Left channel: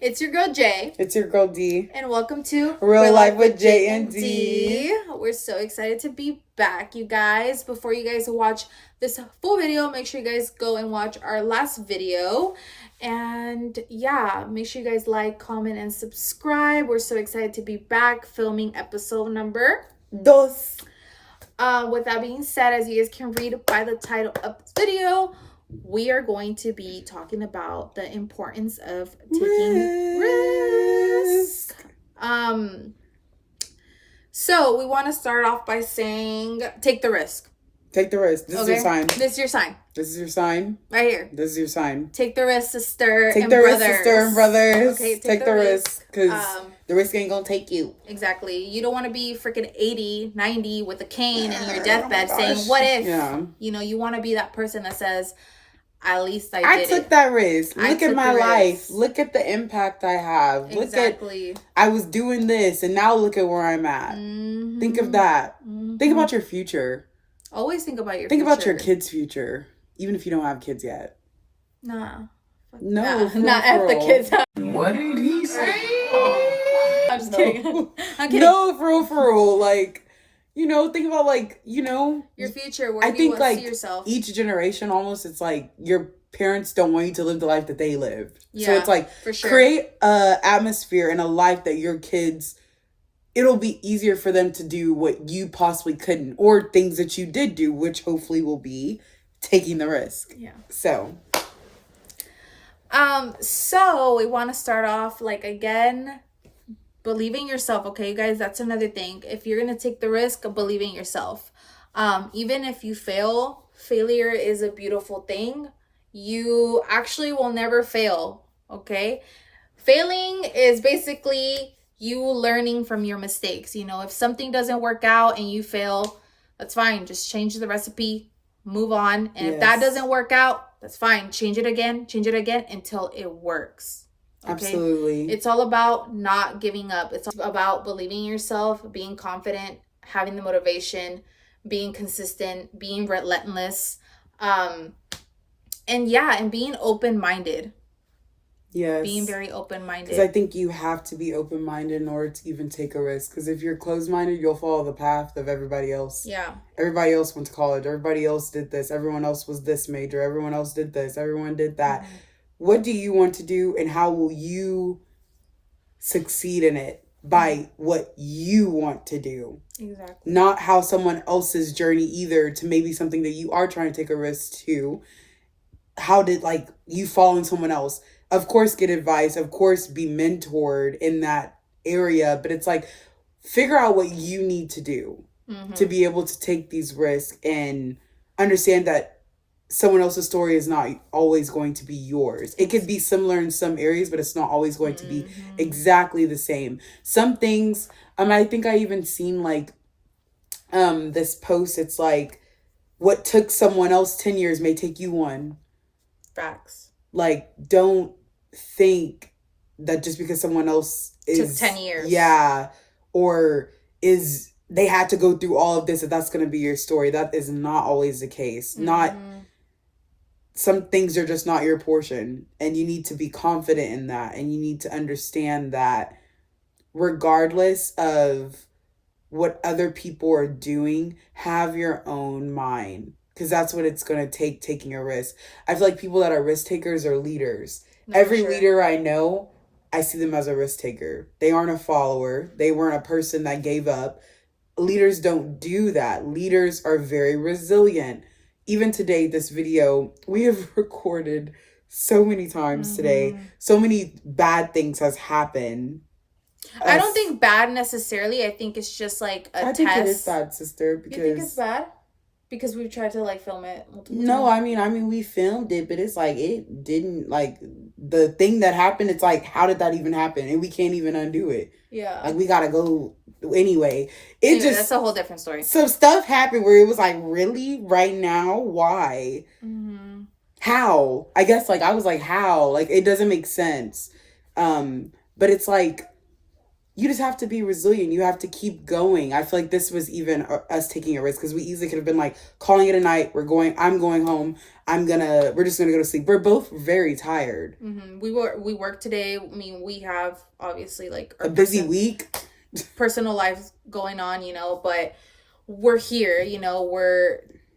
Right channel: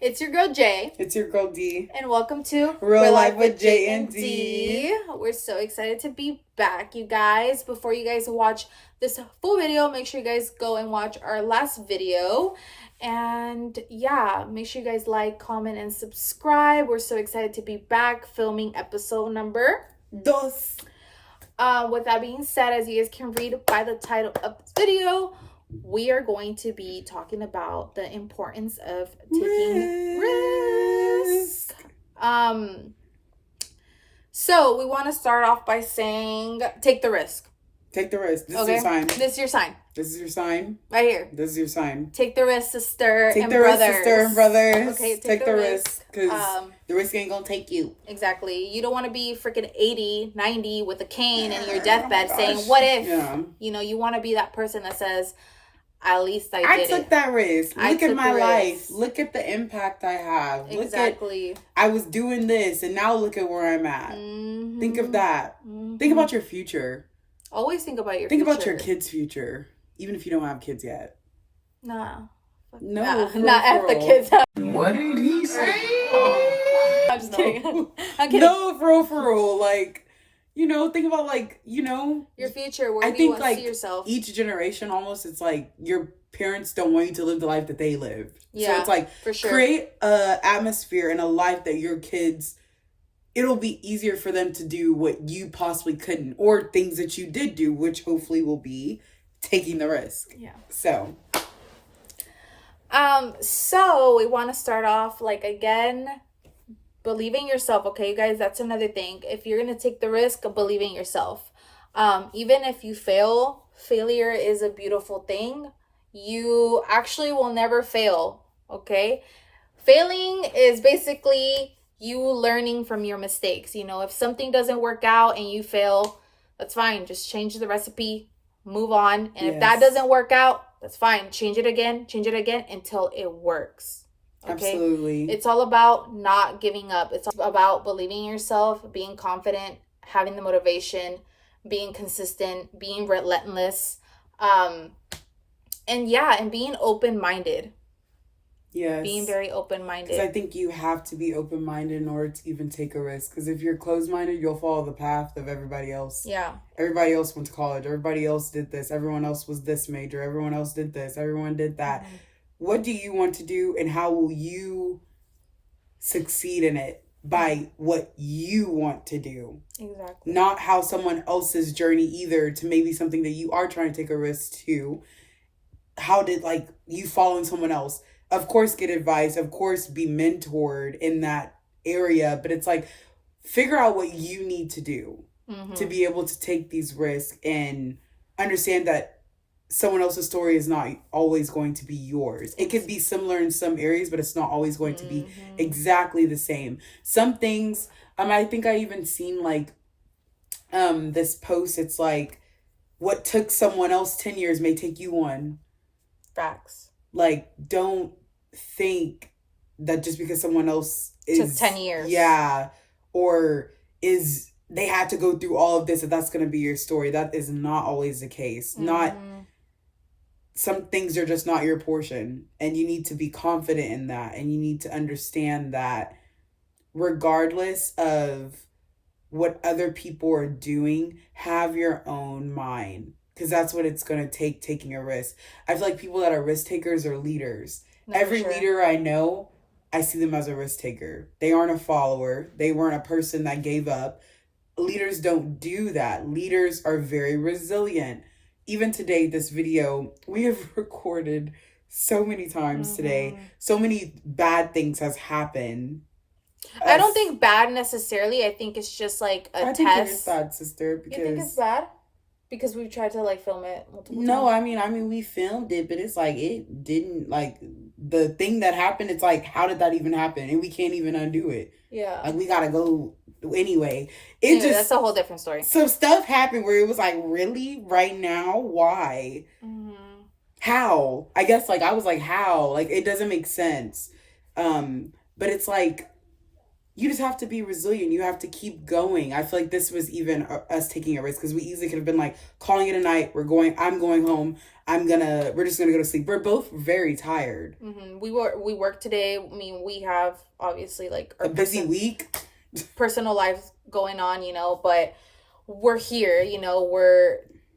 It's your girl Jay. It's your girl D. And welcome to Real Life with J&D. We're so excited to be back, you guys. Before you guys watch this full video, make sure you guys go and watch our last video. And yeah, make sure you guys like, comment, and subscribe. We're so excited to be back filming episode number 2. With that being said, as you guys can read by the title of this video, we are going to be talking about the importance of taking risk. So we want to start off by saying, take the risk. Take the risk. This is your sign. This is your sign. This is your sign. Right here. This is your sign. Take the risk, sister take and the brothers. Risk, sister and brothers. Okay, take the risk. Because the risk ain't going to take you. Exactly. You don't want to be freaking 80, 90 with a cane in your deathbed saying, what if? Yeah. You know, you want to be that person that says, at least I took that risk. Look at my life. Look at the impact I have. Exactly. Look at, I was doing this and now look at where I'm at. Mm-hmm. Think of that. Mm-hmm. Think about your future. Always think about your future. Think about your kids' future. Even if you don't have kids yet. Nah. No. Not at the kids' house. What did he say? I'm just kidding. I'm kidding. No, for real. Like, you know, think about, like, you know, your future. Where do you want to see yourself? Each generation almost, it's like your parents don't want you to live the life that they lived. Yeah, so it's like, for sure. Create a atmosphere and a life that your kids, it'll be easier for them to do what you possibly couldn't, or things that you did do, which hopefully will be taking the risk. Yeah. So we want to start off, like, again, believing yourself. Okay, you guys, that's another thing. If you're gonna take the risk of believing yourself, even if you failure is a beautiful thing. You actually will never fail. Okay, failing is basically you learning from your mistakes. You know, if something doesn't work out and you fail, that's fine. Just change the recipe, move on. And if that doesn't work out, that's fine. Change it again until it works. Okay? Absolutely. It's all about not giving up. It's all about believing in yourself, being confident, having the motivation, being consistent, being relentless, and being open-minded. Yes. Being very open-minded. Because I think you have to be open-minded in order to even take a risk. Because if you're closed-minded, you'll follow the path of everybody else. Yeah. Everybody else went to college. Everybody else did this. Everyone else was this major. Everyone else did this. Everyone did that. Mm-hmm. What do you want to do, and how will you succeed in it? By what you want to do. Exactly. Not how someone else's journey either, to maybe something that you are trying to take a risk to. How did, like, you follow someone else? Of course, get advice. Of course, be mentored in that area. But it's like, figure out what you need to do to be able to take these risks and understand that someone else's story is not always going to be yours. It could be similar in some areas, but it's not always going to be exactly the same. Some things, I think I even seen, like, this post. It's like, what took someone else 10 years may take you 1. Facts. Like, don't think that just because someone else took 10 years. Yeah. Or they had to go through all of this, and that's going to be your story. That is not always the case. Some things are just not your portion, and you need to be confident in that. And you need to understand that regardless of what other people are doing, have your own mind. Because that's what it's going to take, taking a risk. I feel like people that are risk takers are leaders. Every leader I know, I see them as a risk taker. They aren't a follower. They weren't a person that gave up. Leaders don't do that. Leaders are very resilient. Even today, this video, we have recorded so many times today. So many bad things has happened. I don't think bad necessarily. I think it's just like a test. I think it is bad, sister. Because... You think it's bad? Because we've tried to, like, film it multiple times. No, I mean, we filmed it, but it's like, it didn't, like, the thing that happened, it's like, how did that even happen? And we can't even undo it. Yeah. Like, we gotta go, anyway. That's a whole different story. So stuff happened where it was like, really? Right now? Why? How? I guess, like, I was like, how? Like, it doesn't make sense. But it's like, you just have to be resilient. You have to keep going. I feel like this was even us taking a risk because we easily could have been like calling it a night. I'm going home. We're just gonna go to sleep. We're both very tired. Mm-hmm. We work today. I mean, we have obviously like a busy week, personal lives going on, but we're here,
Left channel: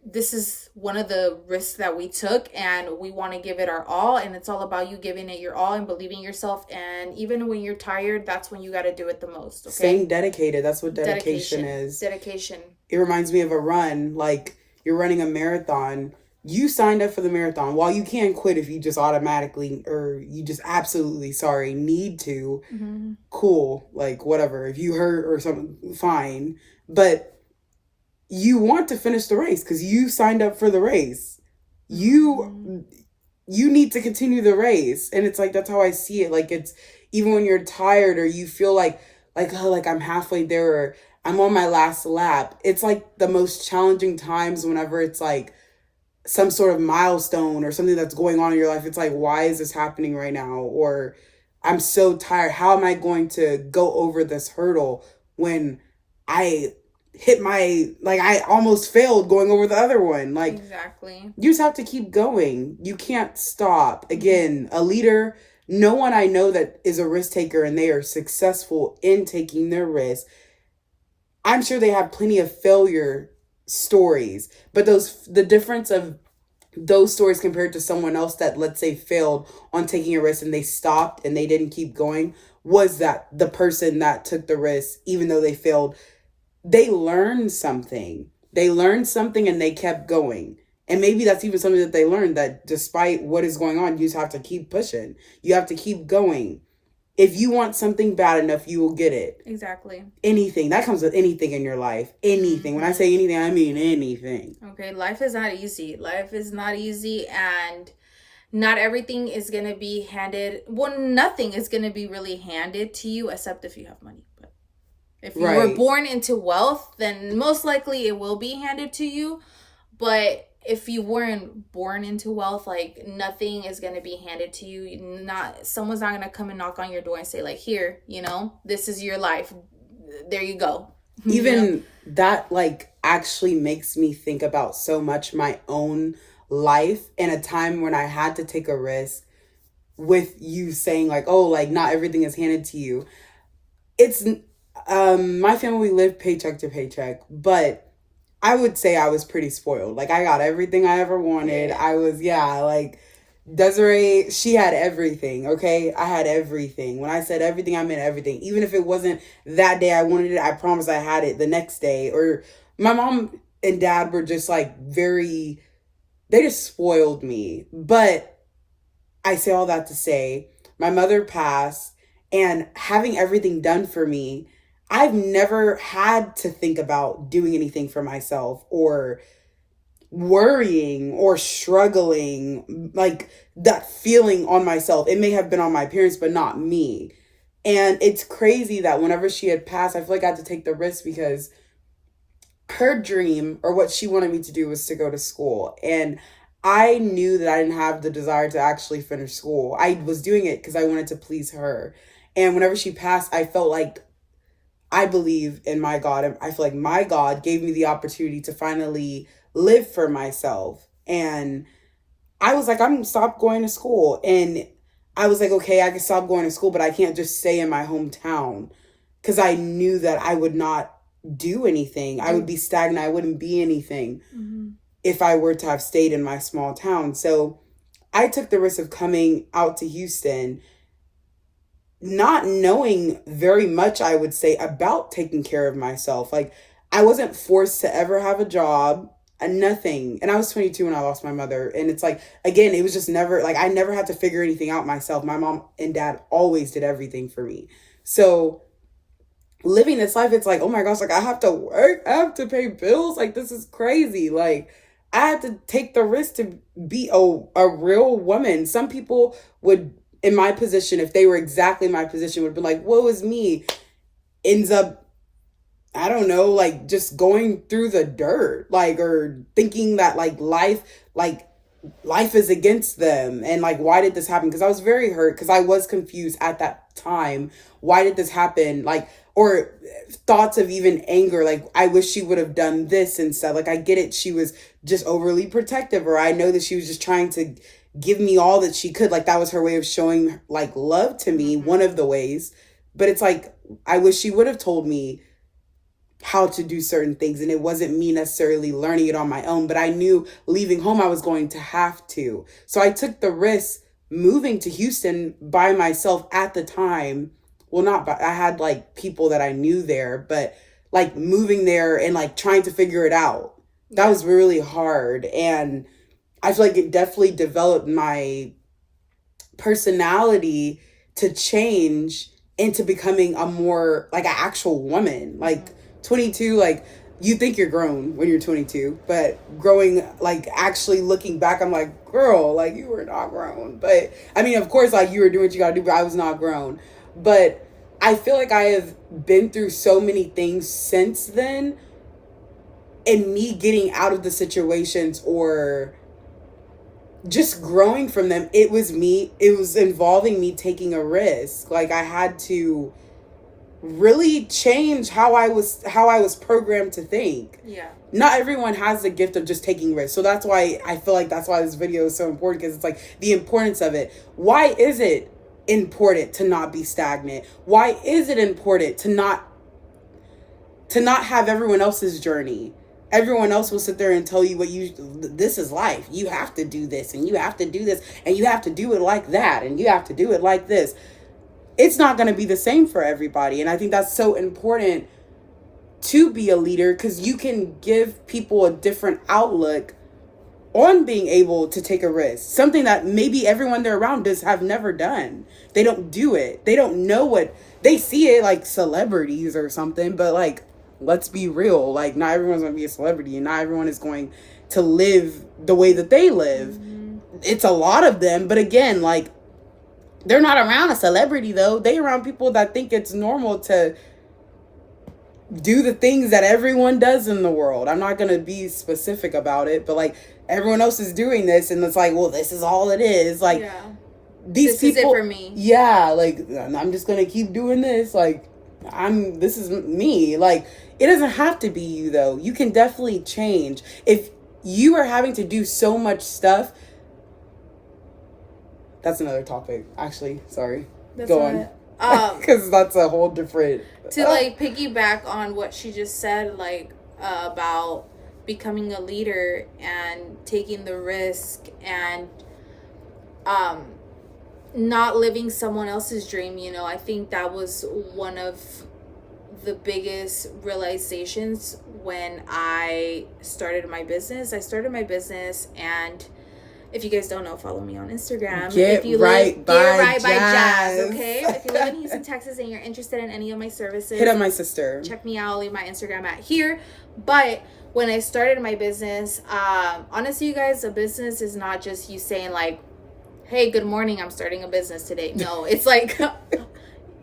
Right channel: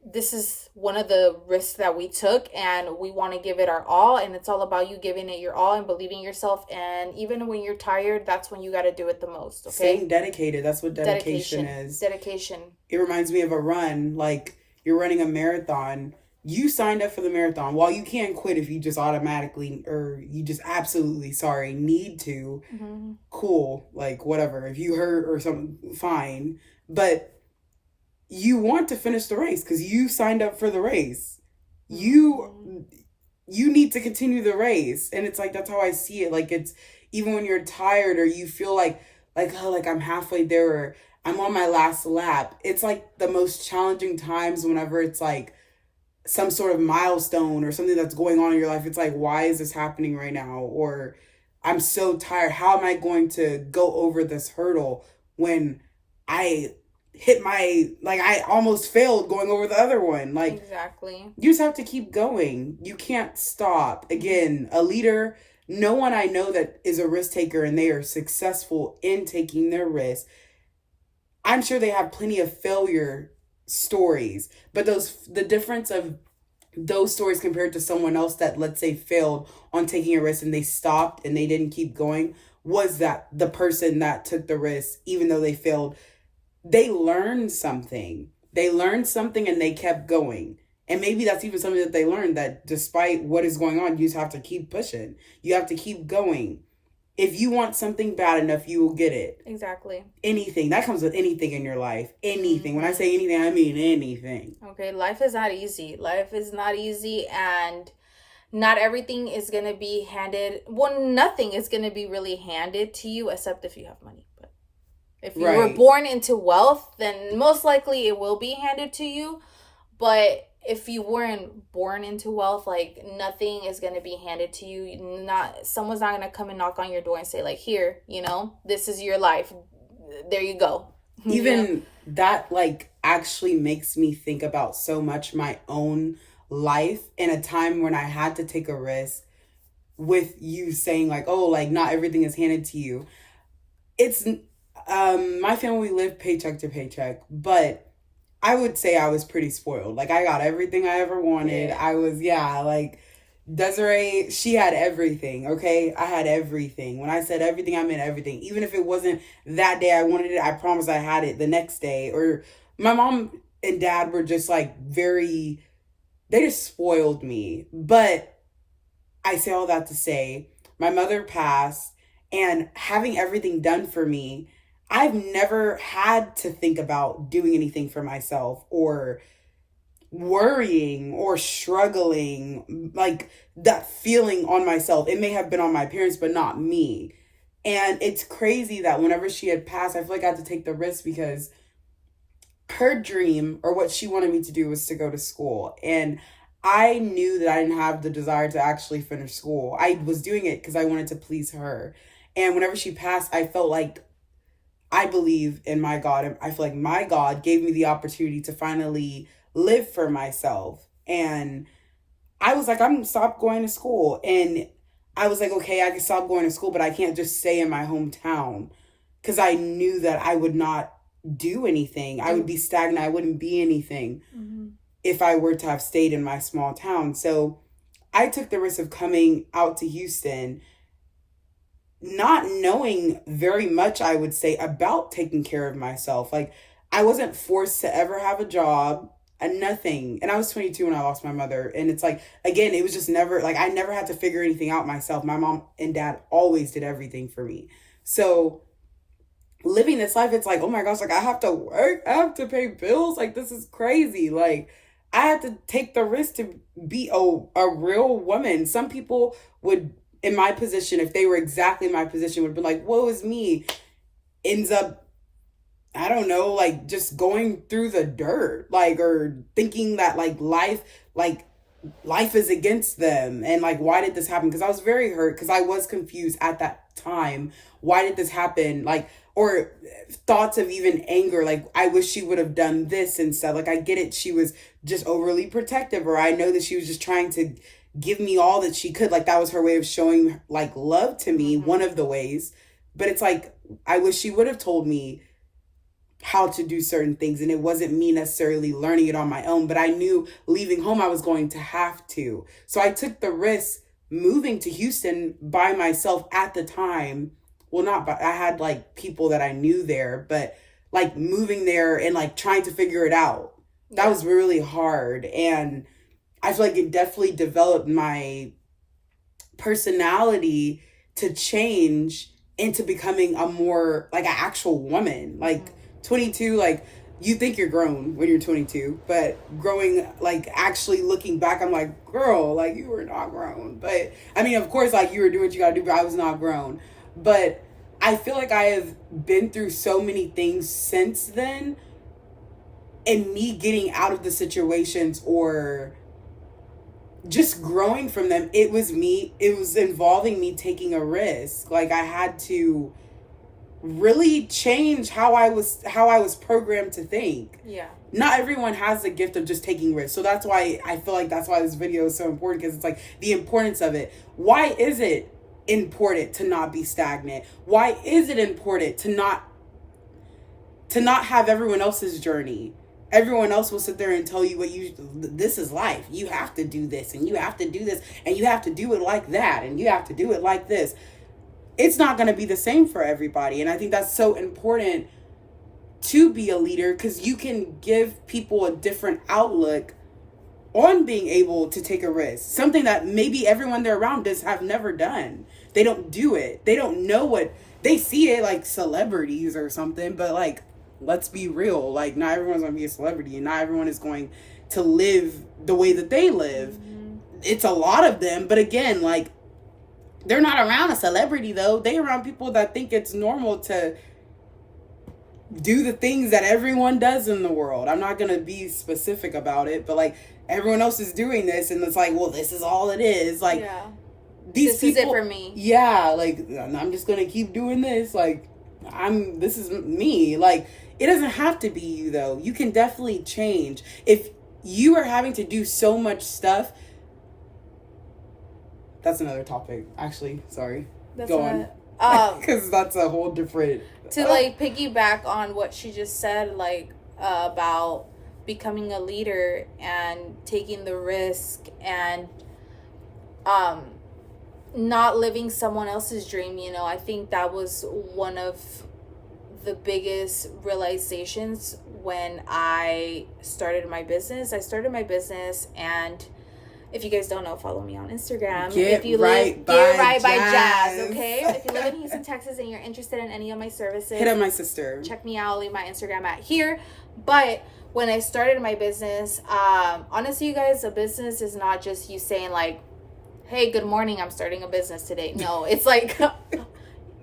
this is one of the risks that we took, and we want to give it our all, and it's all about you giving it your all and believing yourself. And even when you're tired, that's when you got to do it the most. Okay, staying dedicated, that's what dedication is. Dedication. It reminds me of a run. Like, you're running a marathon, you signed up for the marathon. While you can't quit if you just automatically, or you just absolutely need to, mm-hmm. Cool, like whatever, if you hurt or something, fine, but you want to finish the race because you signed up for the race. You need to continue the race. And it's like, that's how I see it. Like, it's even when you're tired or you feel like I'm halfway there or I'm on my last lap. It's like the most challenging times whenever it's like some sort of milestone or something that's going on in your life. It's like, why is this happening right now? Or I'm so tired. How am I going to go over this hurdle when I hit I almost failed going over the other one? Like, exactly. You just have to keep going. You can't stop. Again, a leader, no one I know that is a risk taker and they are successful in taking their risk. I'm sure they have plenty of failure stories, but the difference of those stories compared to someone else that, let's say, failed on taking a risk and they stopped and they didn't keep going, was that the person that took the risk, even though they failed, they learned something. They learned something and they kept going. And maybe that's even something that they learned, that despite what is going on, you just have to keep pushing. You have to keep going. If you want something bad enough, you will get it. Exactly. Anything. That comes with anything in your life. Anything. When I say anything, I mean anything. Okay, life is not easy. Life is not easy, and not everything is going to be handed. Well, nothing is going to be really handed to you except if you have money. But if you were born into wealth, then most likely it will be handed to you. But if you weren't born into wealth, like, nothing is going to be handed to you. Someone's not going to come and knock on your door and say, like, here, this is your life. There you go. Even that, like, actually makes me think about so much my own life in a time when I had to take a risk, with you saying, like, oh, like, not everything is handed to you. It's, my family lived paycheck to paycheck, but I would say I was pretty spoiled. Like, I got everything I ever wanted. Yeah. I was, like, Desiree, she had everything, okay? I had everything. When I said everything, I meant everything. Even if it wasn't that day I wanted it, I promised I had it the next day. Or my mom and dad were just, like, they just spoiled me. But I say all that to say, my mother passed, and having everything done for me, I've never had to think about doing anything for myself or worrying or struggling, like, that feeling on myself. It may have been on my parents, but not me. And it's crazy that whenever she had passed, I feel like I had to take the risk because her dream, or what she wanted me to do, was to go to school. And I knew that I didn't have the desire to actually finish school. I was doing it because I wanted to please her. And whenever she passed, I felt like, I believe in my God, and I feel like my God gave me the opportunity to finally live for myself. And I was like, I'm going to stop going to school. And I was like, okay, I can stop going to school, but I can't just stay in my hometown, because I knew that I would not do anything. I would be stagnant. I wouldn't be anything if I were to have stayed in my small town. So I took the risk of coming out to Houston, not knowing very much, I would say, about taking care of myself. Like, I wasn't forced to ever have a job and nothing. And I was 22 when I lost my mother. And it's like, again, it was just never, like, I never had to figure anything out myself. My mom and dad always did everything for me. So living this life, it's like, oh my gosh, like, I have to work, I have to pay bills. Like, this is crazy. Like, I had to take the risk to be a real woman. Some people would, in my position, if they were exactly my position, would be like, woe is me. Ends up, I don't know, like, just going through the dirt, like, or thinking that, like, life is against them. And, like, why did this happen? Because I was very hurt, because I was confused at that time. Why did this happen? Like, or thoughts of even anger, like I wish she would have done this instead. Like I get it, she was just overly protective, or I know that she was just trying to give me all that she could. Like that was her way of showing like love to me, one of the ways. But it's like I wish she would have told me how to do certain things, and it wasn't me necessarily learning it on my own, but I knew leaving home I was going to have to. So I took the risk moving to Houston by myself at the time. Well, not by, I had like people that I knew there, but like moving there and like trying to figure it out. That was really hard, and I feel like it definitely developed my personality to change into becoming a more like an actual woman. Like 22, like you think you're grown when you're 22, but growing, like actually looking back, I'm like, girl, like you were not grown. But I mean, of course, like you were doing what you gotta do, but I was not grown. But I feel like I have been through so many things since then, and me getting out of the situations or just growing from them, it was involving me taking a risk. Like I had to really change how I was programmed to think. Yeah. Not everyone has the gift of just taking risks. So that's why I feel like that's why this video is so important, because it's like the importance of it. Why is it important to not be stagnant? Why is it important to not have everyone else's journey? Everyone else will sit there and tell you this is life. You have to do this, and you have to do this, and you have to do it like that, and you have to do it like this. It's not going to be the same for everybody. And I think that's so important to be a leader, because you can give people a different outlook on being able to take a risk. Something that maybe everyone they're around have never done. They don't do it. They don't know what they see it like celebrities or something, but like, let's be real. Like not everyone's going to be a celebrity, and not everyone is going to live the way that they live. It's a lot of them. But again, like, they're not around a celebrity though. They around people that think it's normal to do the things that everyone does in the world. I'm not going to be specific about it, but like everyone else is doing this, and it's like, well, this is all it is. Like these this people, is it for me. Yeah, like I'm just going to keep doing this. Like this is me. Like it doesn't have to be you though. You can definitely change. If you are having to do so much stuff, that's another topic, actually. Sorry. Go on. Because that's a whole different... To, like, piggyback on what she just said, like, about becoming a leader and taking the risk and not living someone else's dream, you know, I think that was one of the biggest realizations when I started my business. And... if you guys don't know, follow me on Instagram. Get right by Jazz, okay? If you live in Houston, Texas, and you're interested in any of my services, hit up my sister. Check me out. Leave my Instagram at here. But when I started my business, honestly, you guys, a business is not just you saying like, hey, good morning, I'm starting a business today. No, it's like...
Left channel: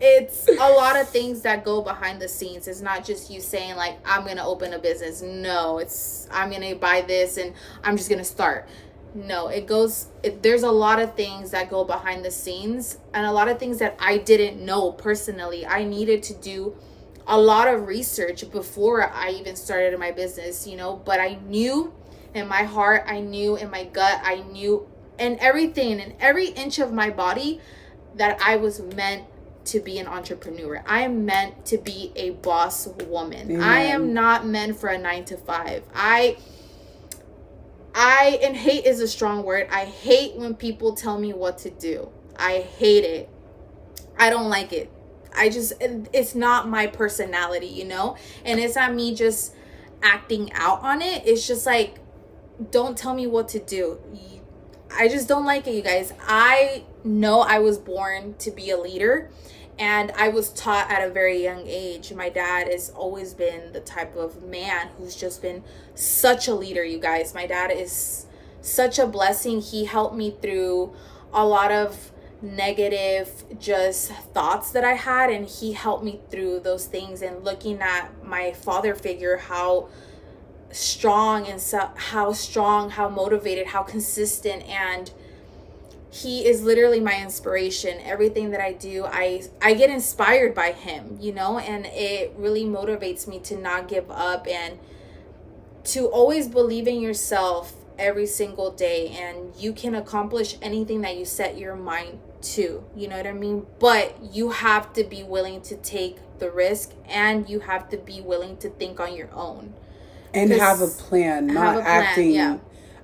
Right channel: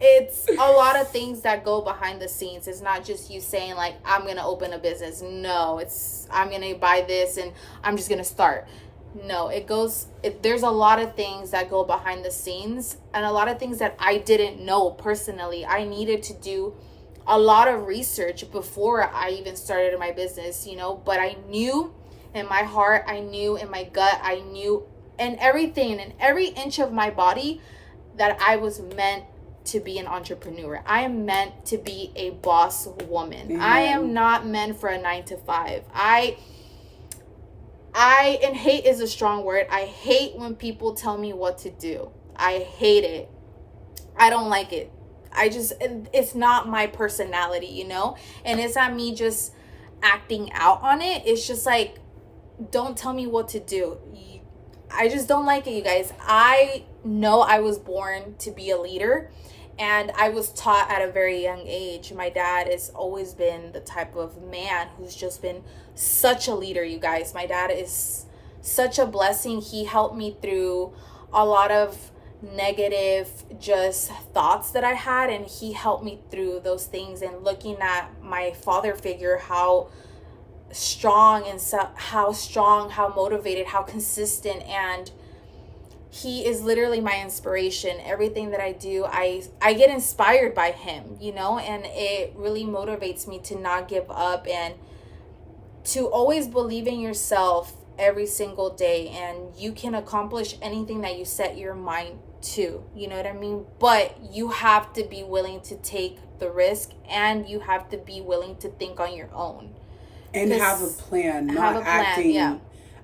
it's a lot of things that go behind the scenes. It's not just you saying like, I'm going to open a business. No, it's I'm going to buy this and I'm just going to start. No, there's a lot of things that go behind the scenes, and a lot of things that I didn't know personally. I needed to do a lot of research before I even started my business, you know, but I knew in my heart, I knew in my gut, I knew in everything, in every inch of my body, that I was meant to be an entrepreneur. I am meant to be a boss woman. Mm-hmm. I am not meant for a 9-to-5. And hate is a strong word. I hate when people tell me what to do. I hate it. I don't like it. It's not my personality, you know? And it's not me just acting out on it. It's just like, don't tell me what to do. I just don't like it, you guys. I know I was born to be a leader, and I was taught at a very young age. My dad has always been the type of man who's just been such a leader, you guys. My dad is such a blessing. He helped me through a lot of negative just thoughts that I had, and he helped me through those things. And looking at my father figure, how strong, how motivated, how consistent, and he is literally my inspiration. Everything that I do, I get inspired by him, you know, and it really motivates me to not give up and to always believe in yourself every single day, and you can accomplish anything that you set your mind to, you know what I mean? But you have to be willing to take the risk, and you have to be willing to think on your own and have a plan, not acting. Yeah.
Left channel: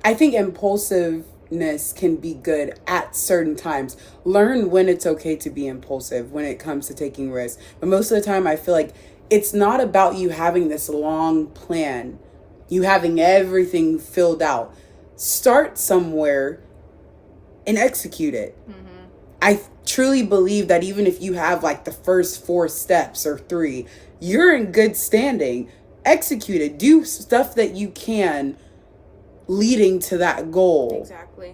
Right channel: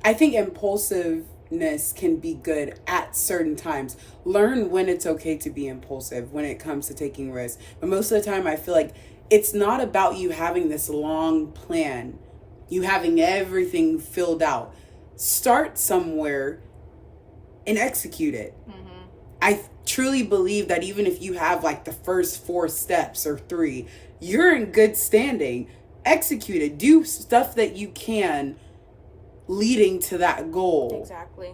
I think impulsiveness can be good at certain times. Learn when it's okay to be impulsive when it comes to taking risks. But most of the time, I feel like it's not about you having this long plan, you having everything filled out. Start somewhere and execute it. I truly believe that even if you have like the first 4 steps or 3, you're in good standing. Execute it. Do stuff that you can leading to that goal. Exactly.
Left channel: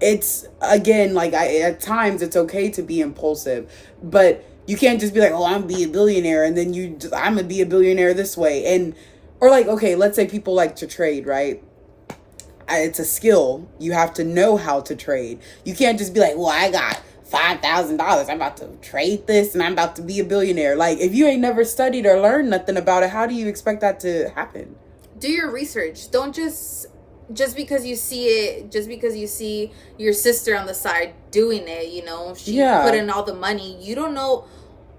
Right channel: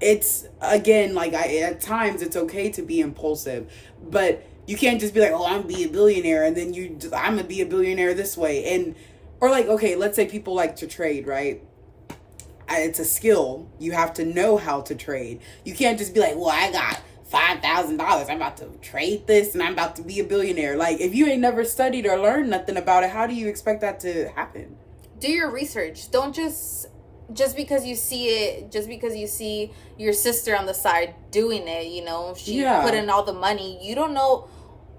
It's, again, like, at times it's okay to be impulsive, but you can't just be like, oh, I'm gonna be a billionaire, and then I'm gonna be a billionaire this way. And, or like, okay, let's say people like to trade, right? It's a skill. You have to know how to trade. You can't just be like, well, I got $5,000. I'm about to trade this and I'm about to be a billionaire. Like, if you ain't never studied or learned nothing about it, how do you expect that to happen? Do your research. Don't just because you see it, just because you see your sister on the side doing it, you know, she put in all the money. You don't know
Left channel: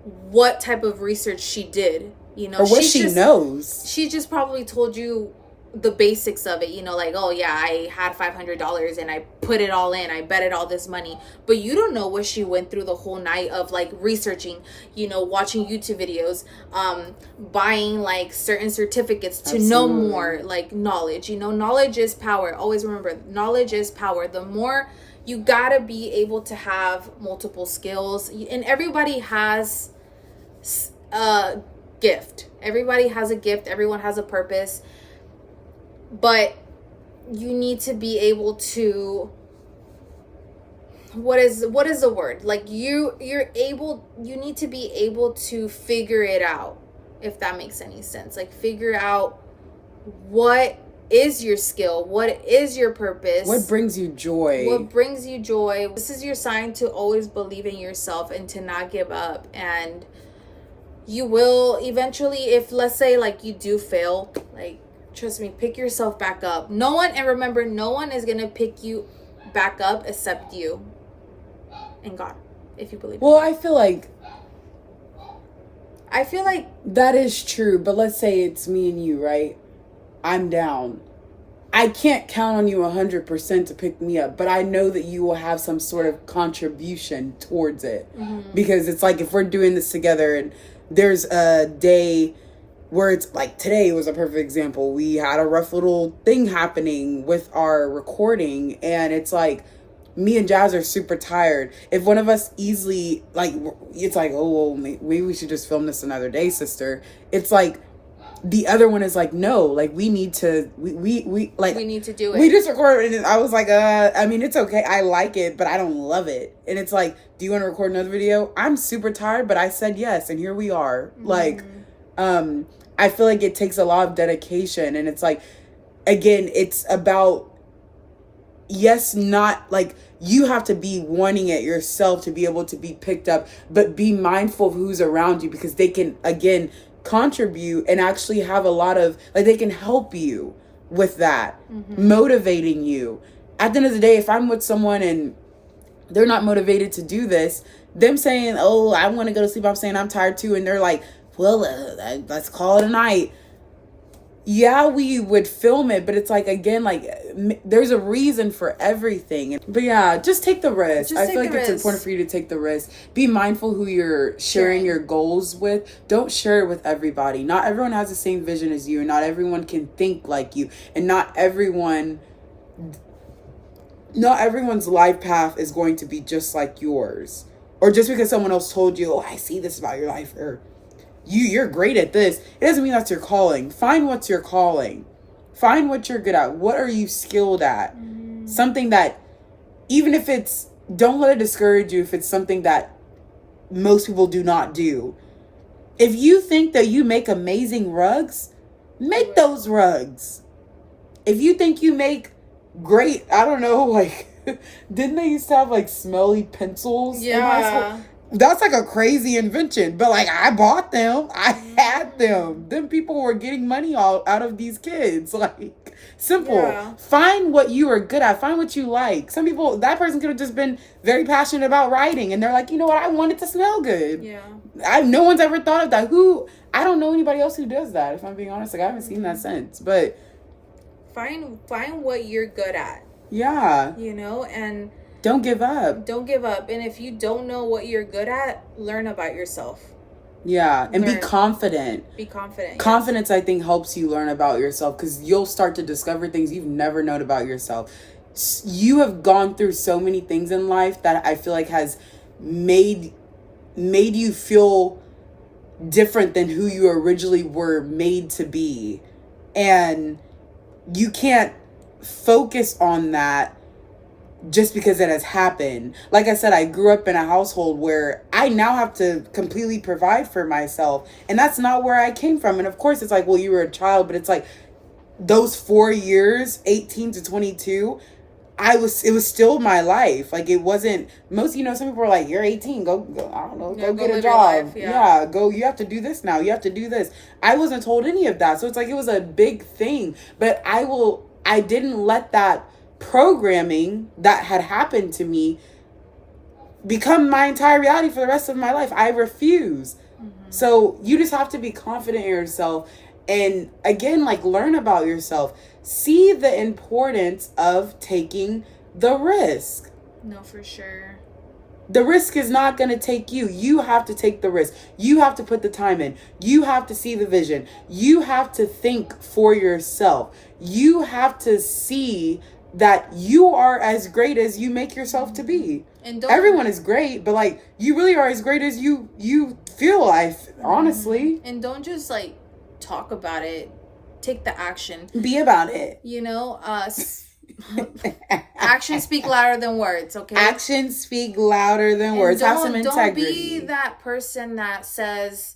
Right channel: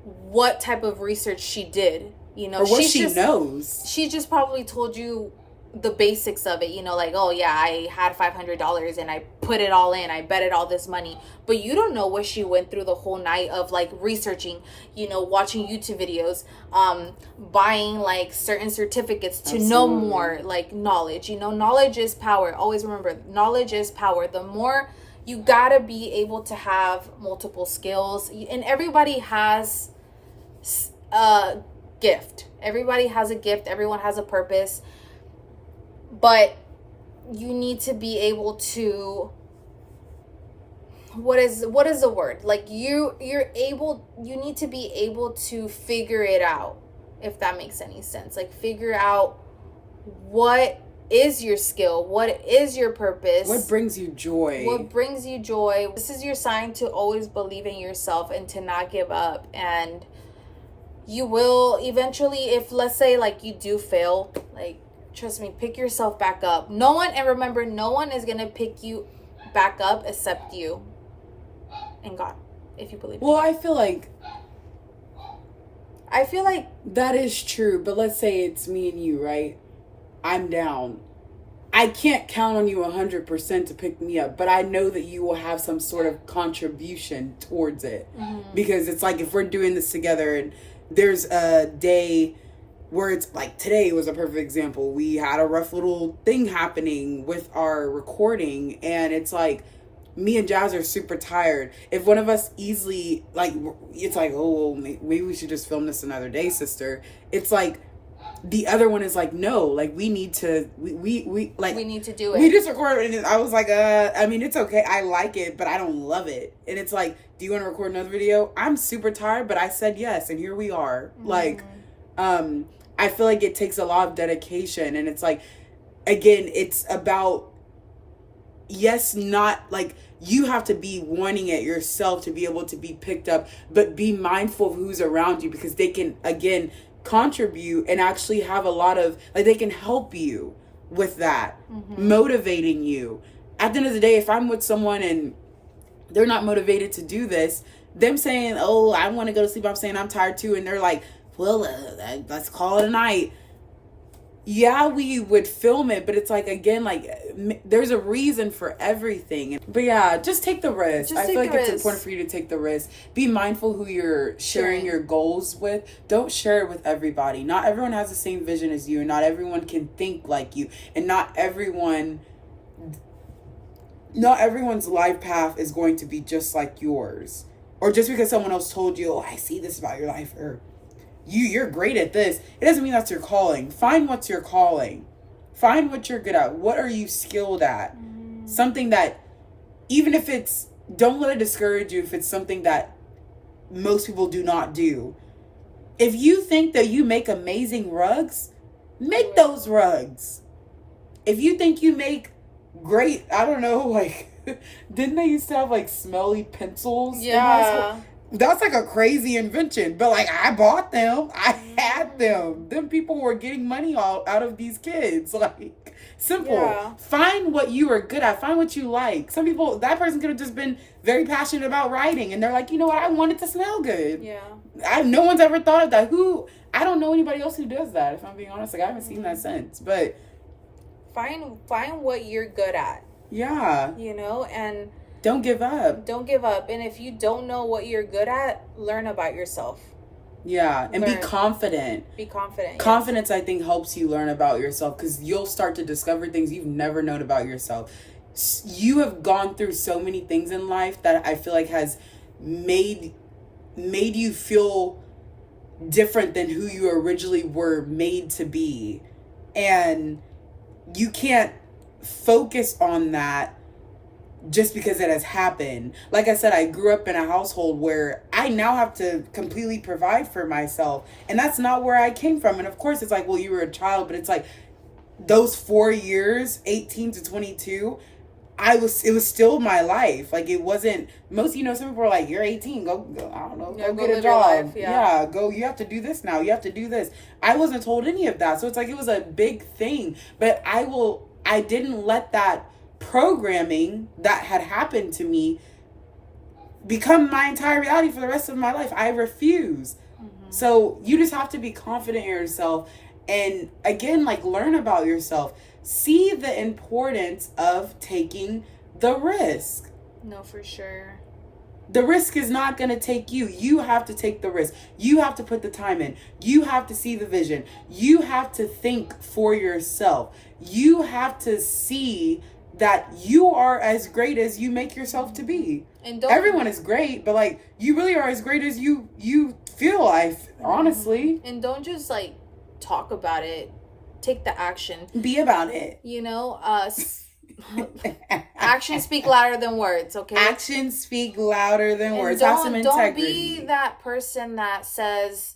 what type of research she did, you know, or what she knows. She just probably told you the basics of it, you know, like, oh yeah, I had $500 and I put it all in, I betted all this money, but you don't know what she went through the whole night of like researching, you know, watching YouTube videos, buying like certain certificates to know more, like knowledge, you know, knowledge is power. Always remember, knowledge is power. The more, you gotta be able to have multiple skills, and everybody has a gift. Everybody has a gift. Everyone has a purpose. But you need to be able to, what is the word? Like you need to be able to figure it out, if that makes any sense. Like figure out what is your skill, what is your purpose, what brings you joy. This is your sign to always believe in yourself and to not give up. And you will eventually, if let's say like you do fail, like, trust me, pick yourself back up. Remember, no one is going to pick you back up except you and God, if you believe. Well, I feel like that is true. But let's say it's me and you, right? I'm down. I can't count on you 100% to pick me up, but I know that you will have some sort of contribution towards it. Because it's like, if we're doing this together and there's a day where it's like, today was a perfect example. We had a rough little thing happening with our recording, and it's like, me and Jazz are super tired. If one of us easily, like, it's like, oh, well, maybe we should just film this another day, sister. It's like, the other one is like, no, like, we need to, we need to do it. We just recorded, and I was like, I mean, it's okay. I like it, but I don't love it. And it's like, do you want to record another video? I'm super tired, but I said yes, and here we are. Like, I feel like it takes a lot of dedication, and it's like, again, it's about, yes, not like, you have to be wanting it yourself to be able to be picked up, but be mindful of who's around you, because they can, again, contribute and actually have a lot of, like, they can help you with that, motivating you. At the end of the day, if I'm with someone and they're not motivated to do this, them saying, oh, I want to go to sleep, I'm saying I'm tired too, and they're like, well, let's call it a night. Yeah, we would film it, but it's like, again, like, there's a reason for everything. But yeah, just take the risk. I feel like it's important for you to take the risk. Be mindful who you're sharing your goals with. Don't share it with everybody. Not everyone has the same vision as you. Not everyone can think like you. And not everyone's life path is going to be just like yours. Or just because someone else told you, oh, I see this about your life, or you're great at this, it doesn't mean that's your calling. Find what's your calling. Find what you're good at. What are you skilled at? Something that, even if it's, don't let it discourage you if it's something that most people do not do. If you think that you make amazing rugs, make those rugs. If you think you make great, I don't know, like, Didn't they used to have like smelly pencils in high Yeah. school? That's like a crazy invention, but like I bought them. I had them. Them people were getting money all out of these kids. Like simple. Yeah. Find what you are good at. Find what you like. Some people, that person could have just been very passionate about writing, and they're like, you know what, I want it to smell good. Yeah. No one's ever thought of that. I don't know anybody else who does that. If I'm being honest, like I haven't seen that since. But find what you're good at. Yeah. You know, and don't give up. Don't give up. And if you don't know what you're good at, learn about yourself. Yeah, and be confident. Be confident. Confidence, yes. I think, helps you learn about yourself because you'll start to discover things you've never known about yourself. You have gone through so many things in life that I feel like has made you feel different than who you originally were made to be. And you can't focus on that just because it has happened. Like I said, I grew up in a household where I now have to completely provide for myself. And that's not where I came from. And of course, it's like, well, you were a child, but it's like those 4 years, 18 to 22, it was still my life. Like it wasn't some people are like, you're 18, go I don't know, go get a job. Yeah, go, you have to do this now. You have to do this. I wasn't told any of that. So it's like, it was a big thing, but I didn't let that programming that had happened to me become my entire reality for the rest of my life. I refuse. Mm-hmm. So you just have to be confident in yourself. And again, like, learn about yourself. See the importance of taking the risk. No, for sure. The risk is not going to take you. You have to take the risk. You have to put the time in. You have to see the vision. You have to think for yourself. You have to see that you are as great as you make yourself to be. And everyone is great, but like, you really are as great as you feel life, honestly. And don't just like talk about it. Take the action. Be about it. You know, actions speak louder than words, okay? Actions speak louder than words. Have some integrity. Don't be that person that says,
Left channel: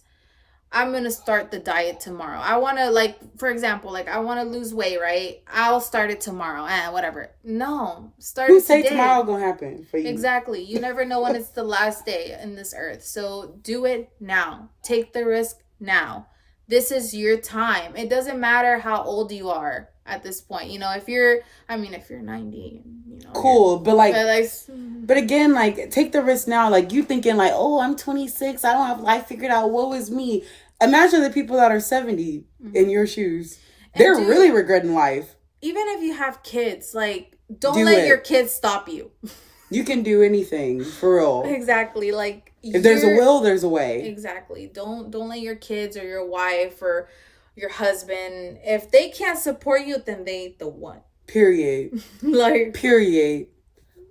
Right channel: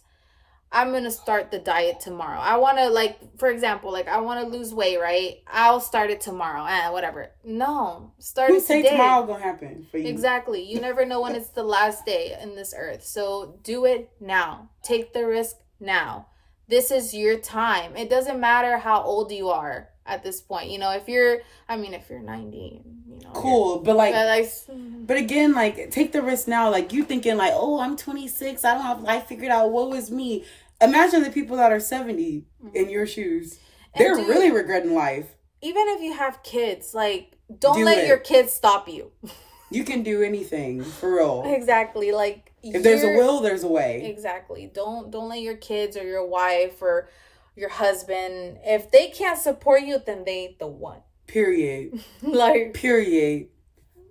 I'm going to start the diet tomorrow. I want to, like, for example, like, I want to lose weight, right? I'll start it tomorrow. Whatever. No. Start it today. Who say tomorrow going to happen for you? Exactly. You never know when it's the last day in this earth. So do it now. Take the risk now. This is your time. It doesn't matter how old you are at this point. You know, if you're 90, you know. Cool. But again, like, take the risk now. Like, you thinking like, oh, I'm 26. I don't have life figured out. Woe is me. Imagine the people that are 70 in your shoes. They're really regretting life. Even if you have kids, like, don't let your kids stop you. You can do anything, for real. Exactly. Like, if there's a will, there's a way. Exactly. Don't let your kids or your wife or your husband, if they can't support you, then they ain't the one. Period. Period.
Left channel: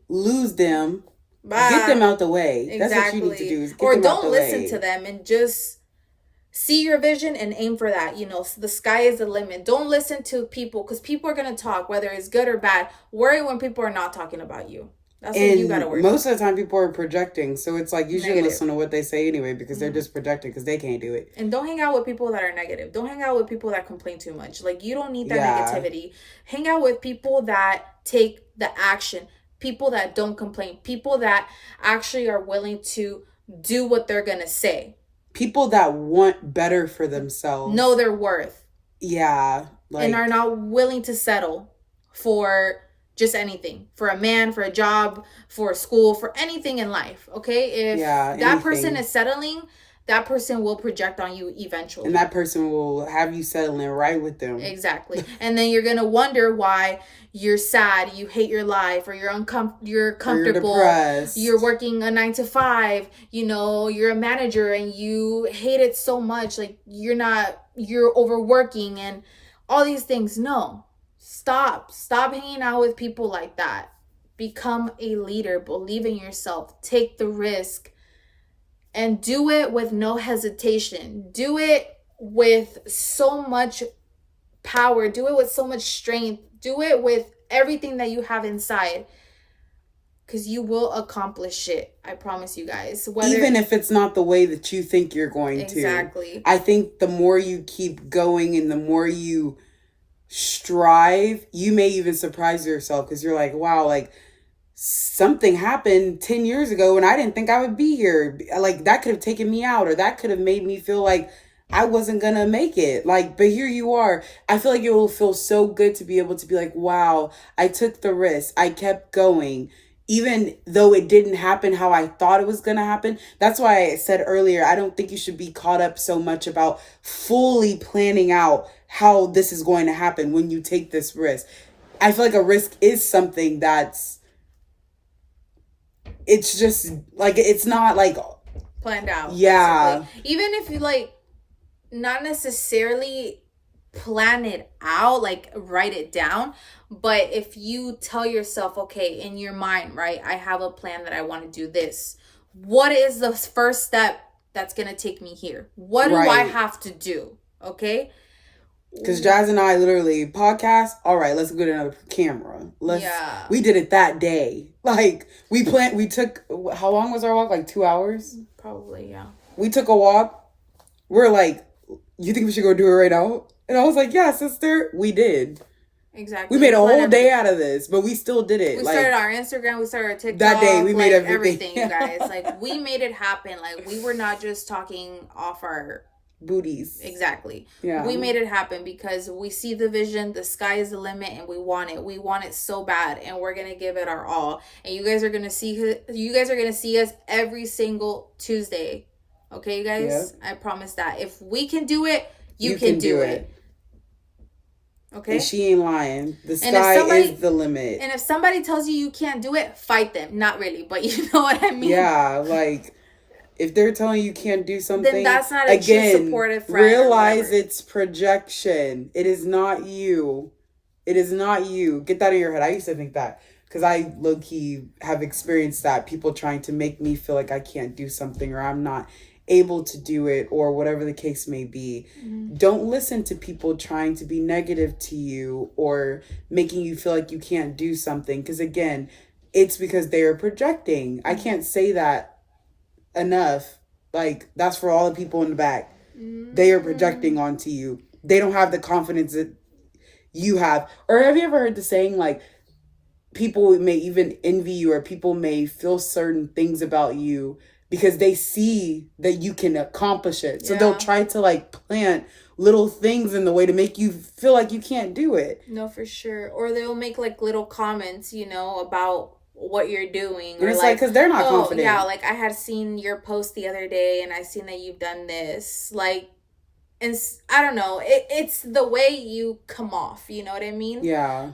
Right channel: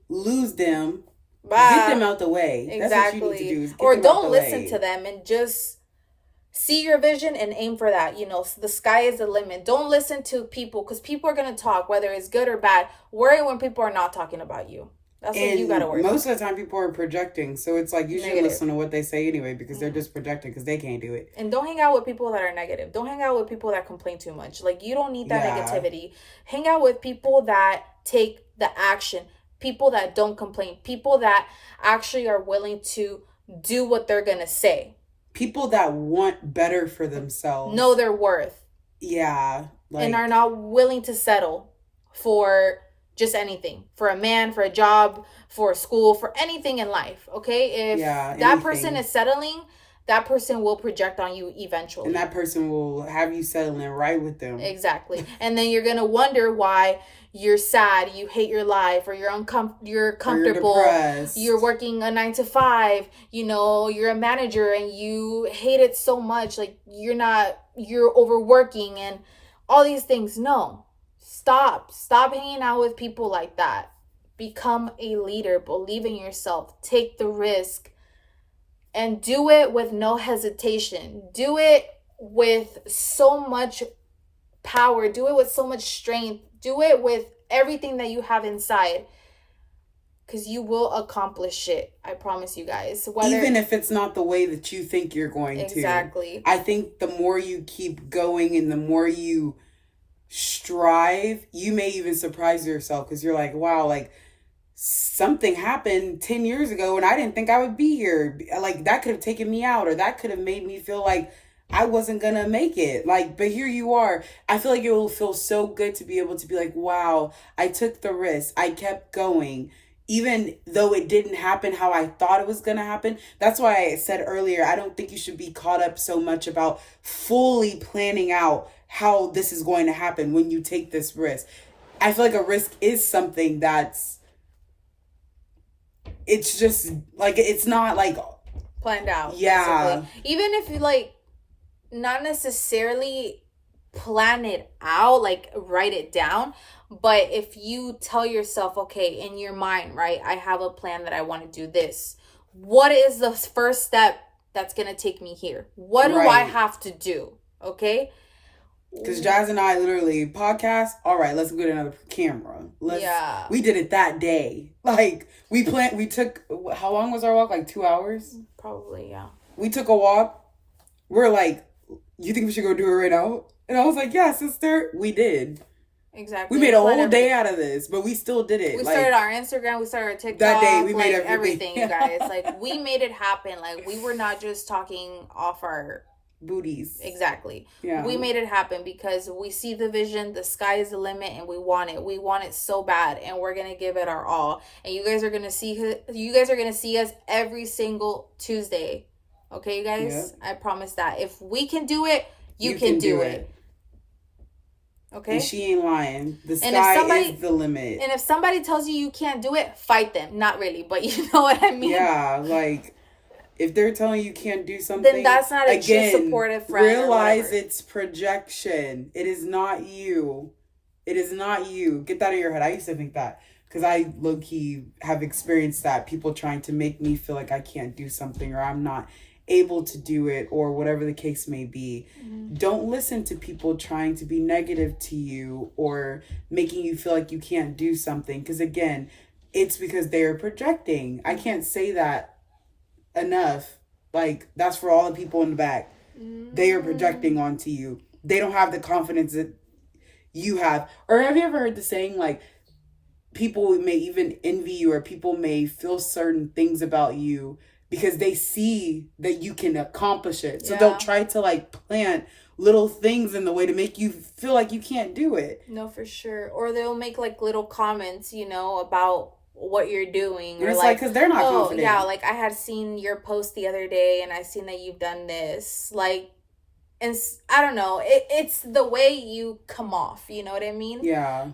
Lose them. Bye. Get them out the way. Exactly. That's what you need to do. Or don't listen to them and just see your vision and aim for that. You know, the sky is the limit. Don't listen to people, because people are going to talk, whether it's good or bad. Worry when people are not talking about you. That's what you gotta worry most of the time people are projecting, so it's like you should listen to what they say anyway, because they're just projecting because they can't do it. And don't hang out with people that are negative. Don't hang out with people that complain too much. Like, you don't need that negativity. Hang out with people that take the action, people that don't complain, people that actually are willing to do what they're gonna say, people that want better for themselves, know their worth, and are not willing to settle for just anything, for a man, for a job, for a school, for anything in life. Okay, if that person is settling, that person will project on you eventually, and that person will have you settling right with them. Exactly. And then you're gonna wonder why you're sad, you hate your life, or you're comfortable, you're working a 9-to-5, you know, you're a manager and you hate it so much, like you're overworking and all these things. No. Stop hanging out with people like that. Become a leader. Believe in yourself. Take the risk. And do it with no hesitation. Do it with so much power. Do it with so much strength. Do it with everything that you have inside. Because you will accomplish it. I promise you guys. Even if it's not the way that you think you're going to. Exactly. I think the more you keep going and the more you strive, you may even surprise yourself, because you're like, wow, like something happened 10 years ago and I didn't think I would be here. Like, that could have taken me out, or that could have made me feel like I wasn't gonna make it. Like, but here you are. I feel like it will feel so good to be able to be like, wow, I took the risk. I kept going. Even though it didn't happen how I thought it was gonna happen. That's why I said earlier, I don't think you should be caught up so much about fully planning out how this is going to happen when you take this risk. I feel like a risk is something that's, it's just like, it's not like planned out. Yeah. Basically. Even if you like not necessarily plan it out, like write it down, but if you tell yourself, okay, in your mind, right, I have a plan that I want to do this. What is the first step that's going to take me here? What do I have to do? Okay? Because Jazz and I literally podcast. All right, let's get another camera. We did it that day. Like, we took, how long was our walk? Like 2 hours? Probably, yeah. We took a walk. We're like, you think we should go do it right now? And I was like, yeah, sister. We did. Exactly. We made a whole day out of this, but we still did it. We started our Instagram. We started our TikTok. That day, we made everything, you guys. Like, we made it happen. Like, we were not just talking off our booties. Exactly. Yeah. We made it happen because we see the vision. The sky is the limit, and we want it. We want it so bad, and we're gonna give it our all. And you guys are gonna see. You guys are gonna see us every single Tuesday. Okay, you guys. Yep. I promise that. If we can do it, you can do it. Okay. And she ain't lying. The sky is the limit. And if somebody tells you can't do it, fight them. Not really, but you know what I mean. Yeah, like, if they're telling you can't do something, then that's not a true supportive friend. Realize it's projection. It is not you. It is not you. Get that in your head. I used to think that because I low-key have experienced that. People trying to make me feel like I can't do something, or I'm not able to do it, or whatever the case may be. Mm-hmm. Don't listen to people trying to be negative to you or making you feel like you can't do something, because again, it's because they are projecting. I can't say that enough. Like, that's for all the people in the back. Mm-hmm. They are projecting onto you. They don't have the confidence that you have. Or have you ever heard the saying, like, people may even envy you, or people may feel certain things about you because they see that you can accomplish it. So they'll try to like plant little things in the way to make you feel like you can't do it. No, for sure. Or they'll make like little comments, you know, about what you're doing. And or it's like, because they're not confident. Yeah, like I had seen your post the other day and I seen that you've done this. Like, and I don't know. It's the way you come off. You know what I mean? Yeah.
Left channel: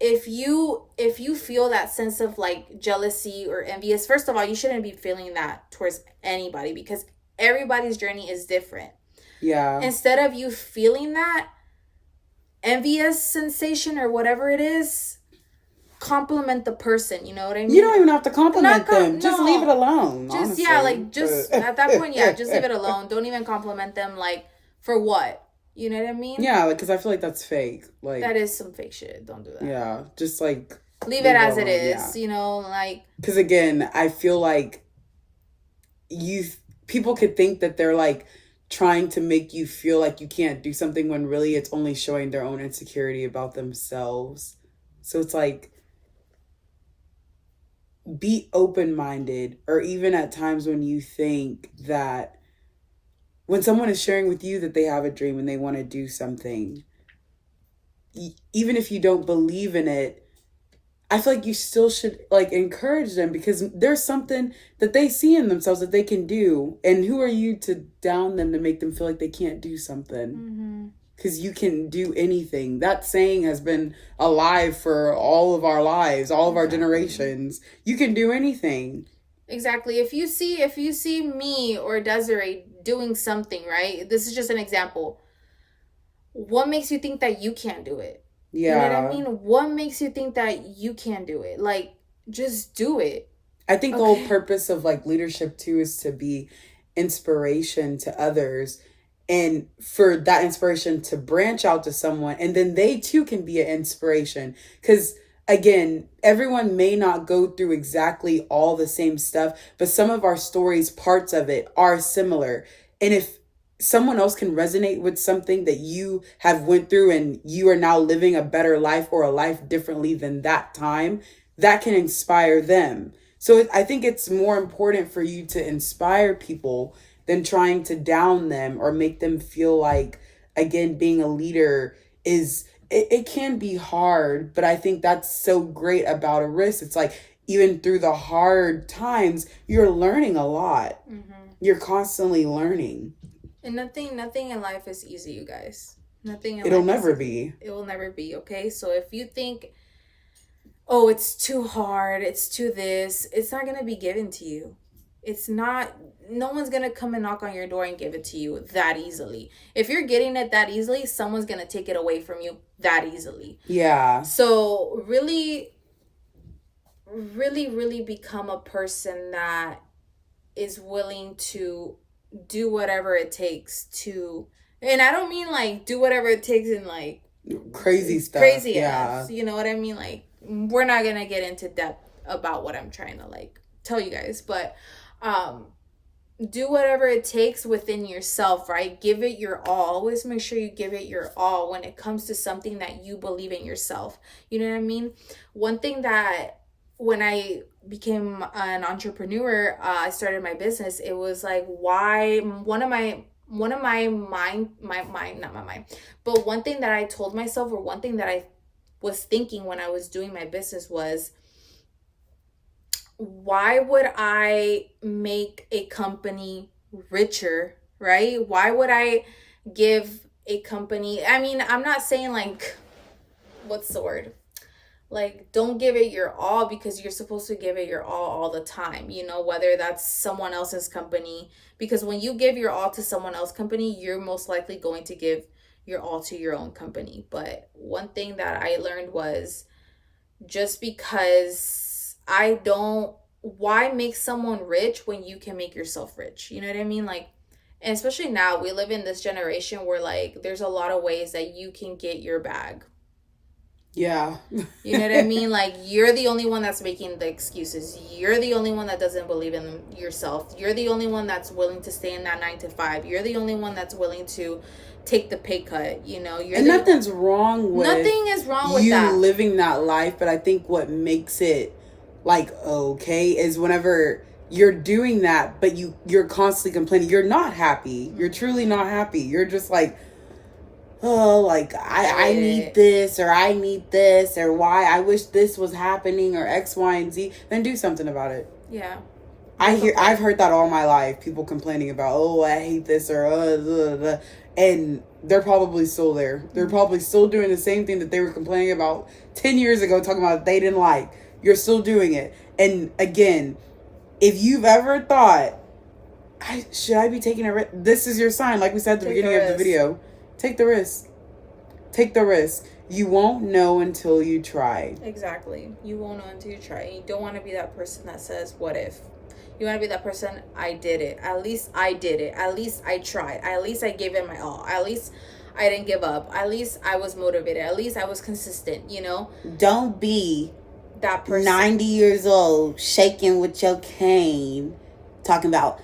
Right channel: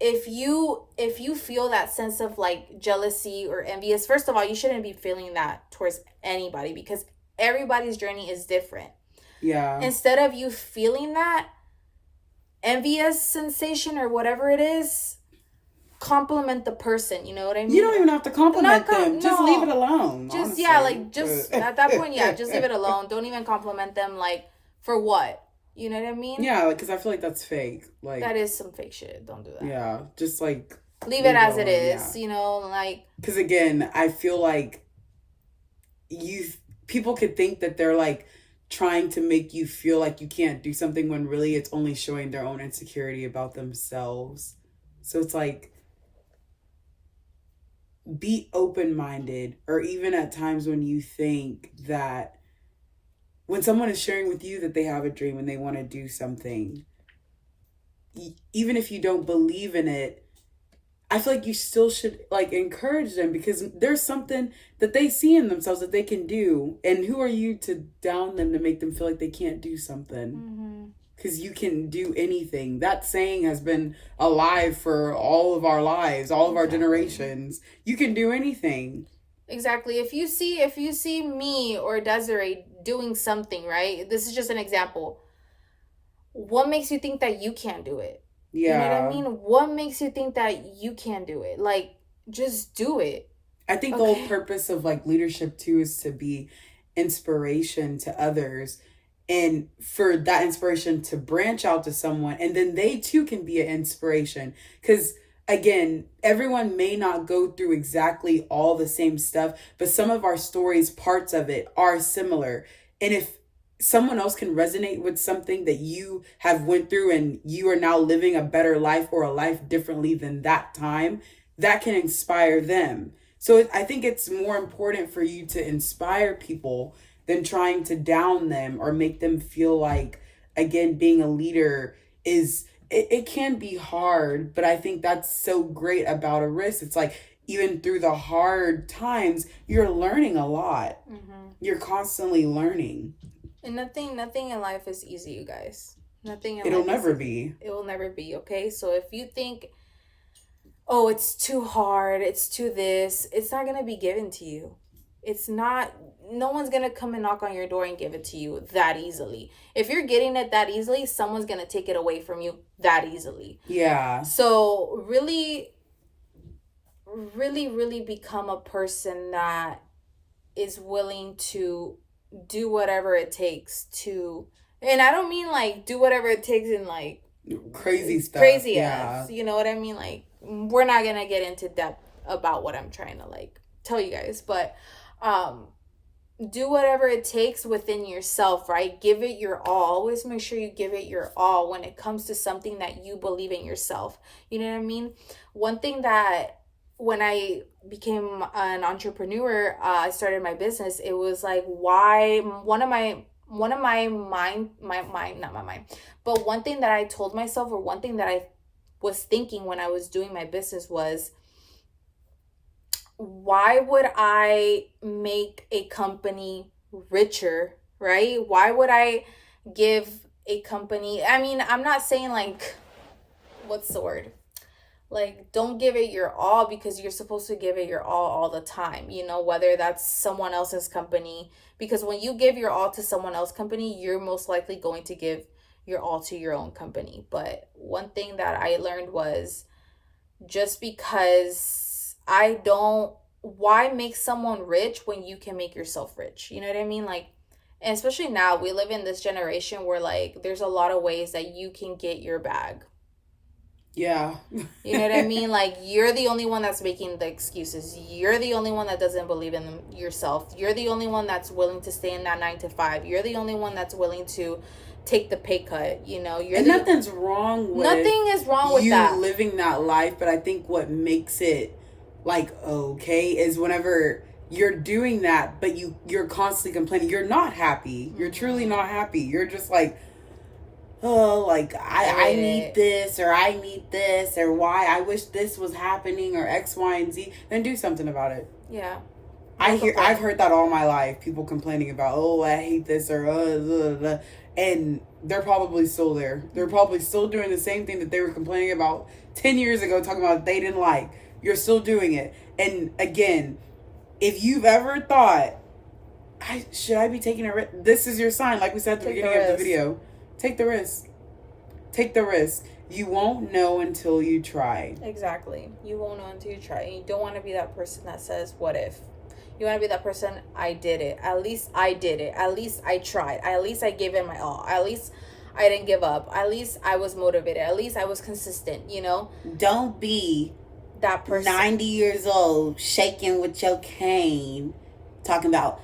If you feel that sense of like jealousy or envious, first of all, you shouldn't be feeling that towards anybody because everybody's journey is different. Yeah. Instead of you feeling that envious sensation or whatever it is, compliment the person. You know what I mean? You don't even have to compliment them. Just leave it alone. Just honestly. Yeah, like just at that point, yeah, just leave it alone. Don't even compliment them. Like, for what? You know what I mean? Yeah, like, because I feel like that's fake. Like, that is some fake shit. Don't do that. Yeah, just like leave it as it is. Yeah. You know, like, because again, I feel like people could think that they're like trying to make you feel like you can't do something when really it's only showing their own insecurity about themselves. So it's like, be open-minded, or even at times when you think that when someone is sharing with you that they have a dream and they want to do something, even if you don't believe in it, I feel like you still should like encourage them, because there's something that they see in themselves that they can do. And who are you to down them to make them feel like they can't do something? Because you can do anything. That saying has been alive for all of our lives, all of our generations. You can do anything. Exactly. If you see me or Desiree doing something, right? This is just an example. What makes you think that you can't do it? Yeah. You know what I mean? What makes you think that you can't do it? Like, just do it. I think the whole purpose of like leadership too is to be inspiration to others, and for that inspiration to branch out to someone, and then they too can be an inspiration. Because again, everyone may not go through exactly all the same stuff, but some of our stories, parts of it, are similar. And if someone else can resonate with something that you have went through and you are now living a better life or a life differently than that time, that can inspire them. So I think it's more important for you to inspire people than trying to down them or make them feel like, again, being a leader is, it can be hard, but I think that's so great about a risk. It's like, even through the hard times, you're learning a lot. You're constantly learning. And nothing in life is easy, you guys. Nothing in It'll life never is be. It will never be, okay? So if you think, oh, it's too hard, it's too this, it's not going to be given to you. It's not, no one's going to come and knock on your door and give it to you that easily. If you're getting it that easily, someone's going to take it away from you that easily. Yeah. So really, really, really become a person that is willing to do whatever it takes to, and I don't mean like do whatever it takes in like crazy stuff. Crazy ass. You know what I mean? Like, we're not going to get into depth about what I'm trying to like tell you guys, but do whatever it takes within yourself, right? Give it your all. Always make sure you give it your all when it comes to something that you believe in yourself. You know what I mean? One thing that when I became an entrepreneur, I started my business. It was like, why one of my mind, not my mind, but one thing that I told myself, or one thing that I was thinking when I was doing my business was, why would I make a company richer, right? Why would I give a company, I mean, I'm not saying like, what's the word? Like, don't give it your all, because you're supposed to give it your all the time, you know, whether that's someone else's company. Because when you give your all to someone else's company, you're most likely going to give your all to your own company. But one thing that I learned was, just because why make someone rich when you can make yourself rich? You know what I mean? Like, and especially now, we live in this generation where like there's a lot of ways that you can get your bag. Yeah. You know what I mean? Like, you're the only one that's making the excuses. You're the only one that doesn't believe in yourself. You're the only one that's willing to stay in that 9 to 5. You're the only one that's willing to take the pay cut. You know, nothing's wrong with nothing is wrong with that. You living that life, but I think what makes it like okay is whenever you're doing that, but you're constantly complaining. You're not happy. You're truly not happy. You're just like, oh, like, I need this, or I need this, or why I wish this was happening, or X, Y, and Z. Then do something about it. Yeah. I've heard that all my life. People complaining about, oh, I hate this, or and they're probably still there. They're probably still doing the same thing that they were complaining about 10 years ago, talking about they didn't like. You're still doing it. And again, if you've ever thought, should I be taking a risk? This is your sign. Like we said at the beginning of the video. Take the risk. Take the risk. You won't know until you try. Exactly. You won't know until you try. And you don't want to be that person that says, what if? You want to be that person, I did it. At least I did it. At least I tried. At least I gave it my all. At least I didn't give up. At least I was motivated. At least I was consistent, you know? Don't be that person. 90 years old, shaking with your cane, talking about,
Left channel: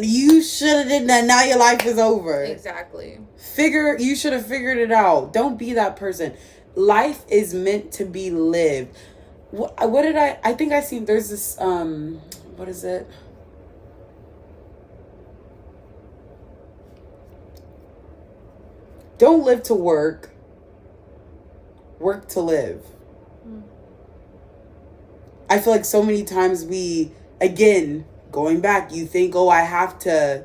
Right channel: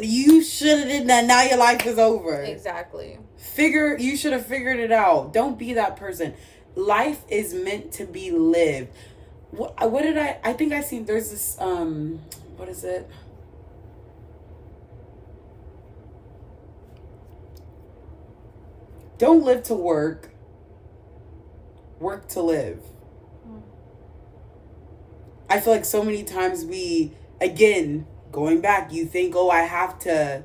you should have did that. Now your life is over. Exactly. You should have figured it out. Don't be that person. Life is meant to be lived. What did I think I seen, there's this, what is it? Don't live to work. Work to live. I feel like so many times again, going back, you think, oh, I have to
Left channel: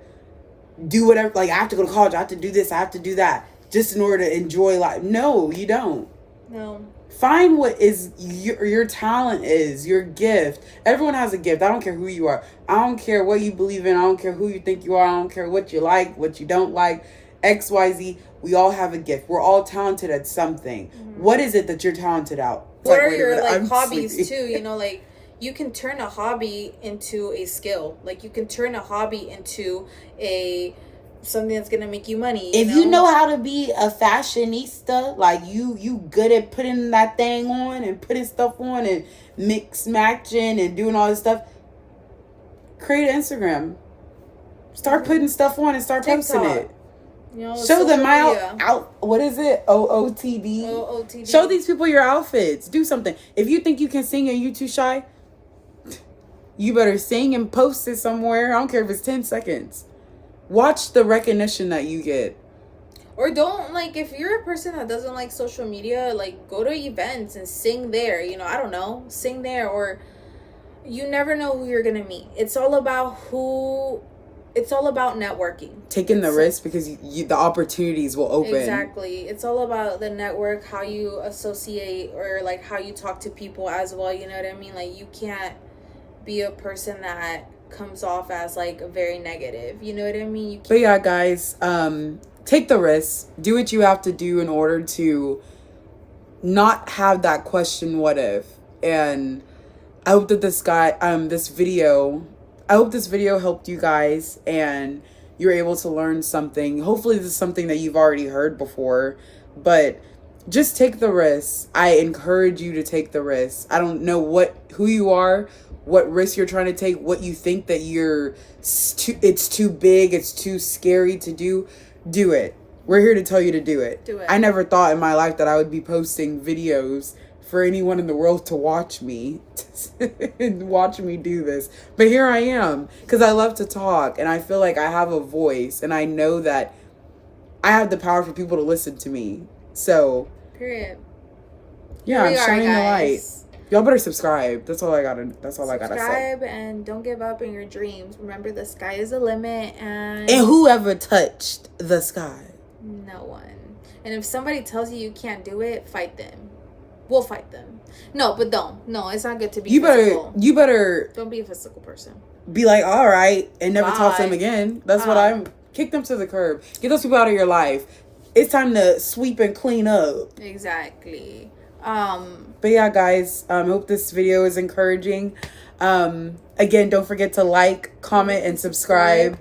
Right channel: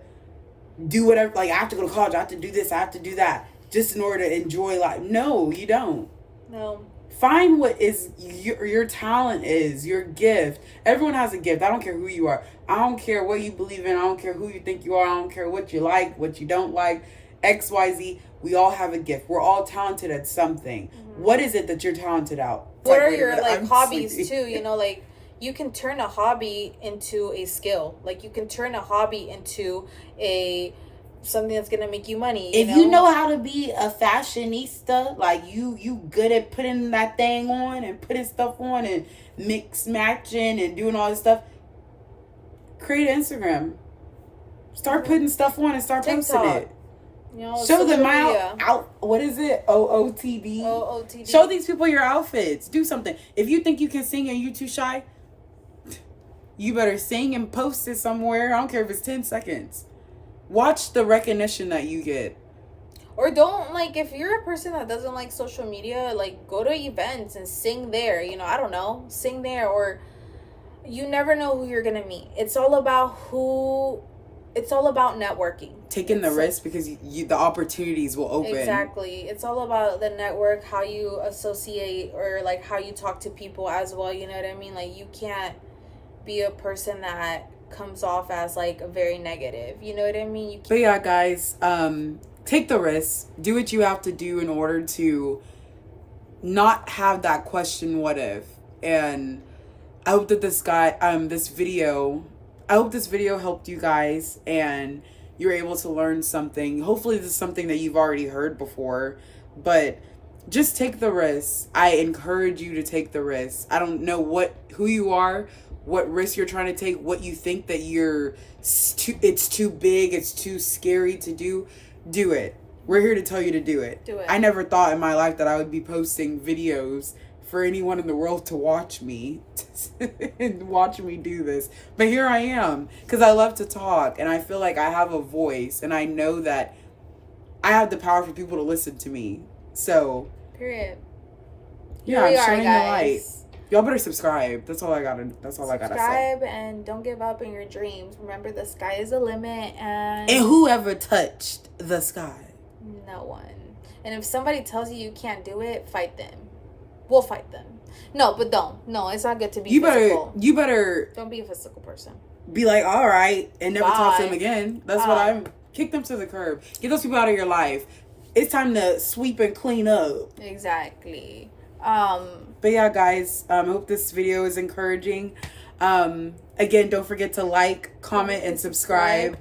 do whatever, like I have to go to college, I have to do this, I have to do that, just in order to enjoy life. No, you don't. No. Find what is your talent is, your gift. Everyone has a gift. I don't care who you are. I don't care what you believe in. I don't care who you think you are. I don't care what you like, what you don't like, X, Y, Z. We all have a gift. We're all talented at something. Mm-hmm. What is it that you're talented at? What are your hobbies too? You know, like you can turn a hobby into a skill. Like you can turn a hobby into something that's gonna make you money. If you know how to be a fashionista, like you good at putting that thing on and putting stuff on and mix matching and doing all this stuff, create an Instagram. Start putting stuff on and start posting it. You know, show them media. out. What is it? OOTD. OOTD. Show these people your outfits. Do something. If you think you can sing and you too shy, you better sing and post it somewhere. I don't care if it's 10 seconds. Watch the recognition that you get. Or don't, like, if you're a person that doesn't like social media, like, go to events and sing there. You know, I don't know. Sing there. Or you never know who you're going to meet. It's all about networking. Taking the risk because the opportunities will open. Exactly. It's all about the network, how you associate, or, like, how you talk to people as well. You know what I mean? Like, you can't be a person that comes off as, like, very negative. You know what I mean? But yeah, guys, take the risk. Do what you have to do in order to not have that question, what if? And I hope that this video helped you guys and you're able to learn something. Hopefully this is something that you've already heard before, but just take the risk. I encourage you to take the risk. I don't know who you are, what risk you're trying to take, what you think that it's too big, it's too scary to do. Do it. We're here to tell you to do it. Do it. I never thought in my life that I would be posting videos for anyone in the world to watch me and watch me do this. But here I am because I love to talk and I feel like I have a voice and I know that I have the power for people to listen to me. So, period. Yeah, I'm shining the light. Y'all better subscribe. That's all I gotta say. Subscribe and don't give up in your dreams. Remember, the sky is the limit, and whoever touched the sky? No one. And if somebody tells you can't do it, fight them. We'll fight them. No, but don't. No, it's not good to be physical. You better don't be a physical person. Be like, all right, and never Bye. talk to them again. That's what I'm. Kick them to the curb. Get those people out of your life. It's time to sweep and clean up. Exactly. But yeah, guys, hope this video is encouraging. Again, don't forget to like, comment, and subscribe.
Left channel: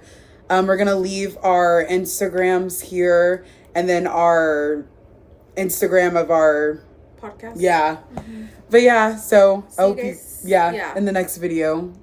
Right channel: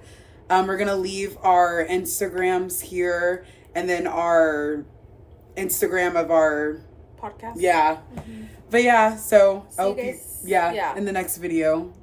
We're gonna leave our Instagrams here, and then our Instagram of our podcast. Yeah. Mm-hmm. But yeah, so I hope yeah, in the next video.